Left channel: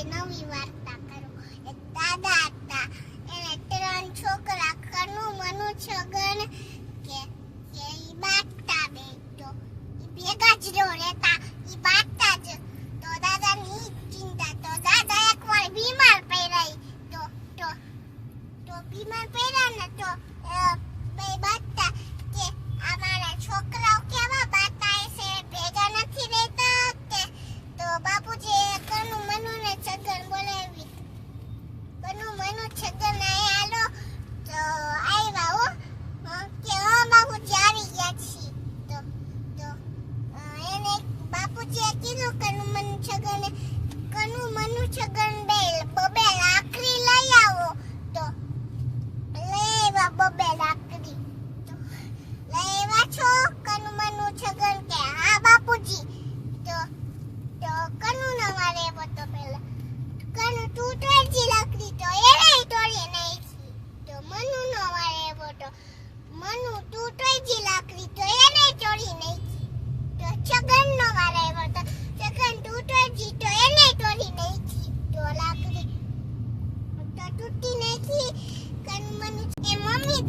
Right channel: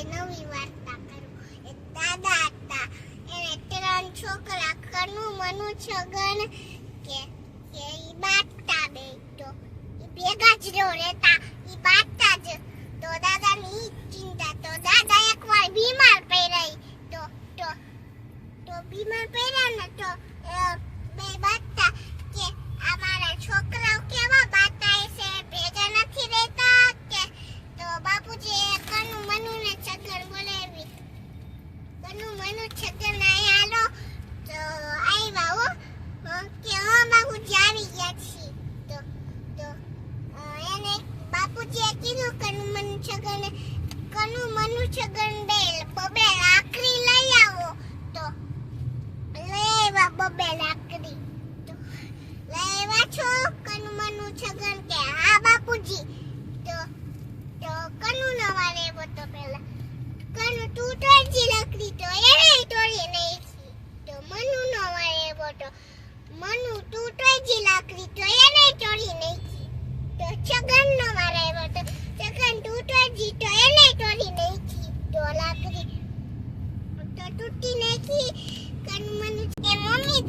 આજે નવી વાર્તા કરું. એક દાદા હતા, એને 3 છોકરા, કનુ, મનુ, છગન કે ઈ બાટતા બે તો ઈ ભેગા જ નો રહેતા, ઈ બાટતા જ. તો દાદાની ચિંતા. તો દાદા એકવાર બીમાર પડ્યા. તો બીમાર પડ્યા ને તો બે બાટતા કે આ મારા છોકરાઓ કેવા બાટાય છે, ભેગા નથી રહેતા કે. તો બાપુજી કનુ, મનુ ને છગન બોલાવી. કનુ, મનુ, છગન આયા હાલો. તો આવ્યા હો કે હા બાપુજી આવી ગયા છીએ. તો એને બાપુજીએ કીધું કનુ, મનુ, છગન, કનુ, મનુ, છગન બબે લાકડી લઈ આવો. તો લેવા બબે લાકડી. તો લેવા છો કનુ, મનુ, છગન કે હા બાપુજી. તો કનુ નો વારે તો પેલા કનુ તું તોડજી લાકડી. તો એને તોડી નાખી. તો મનુ નો વારે તો મનુ તું તોડજી લાકડી. તો એને તોડી નાખી. તો છગન નો વારે તો છગન તું તોડજી. તો એને તોડી નાખી. તો લાકડી તો તૂટી નાખી. કનુ, મનુ કે મમ્મી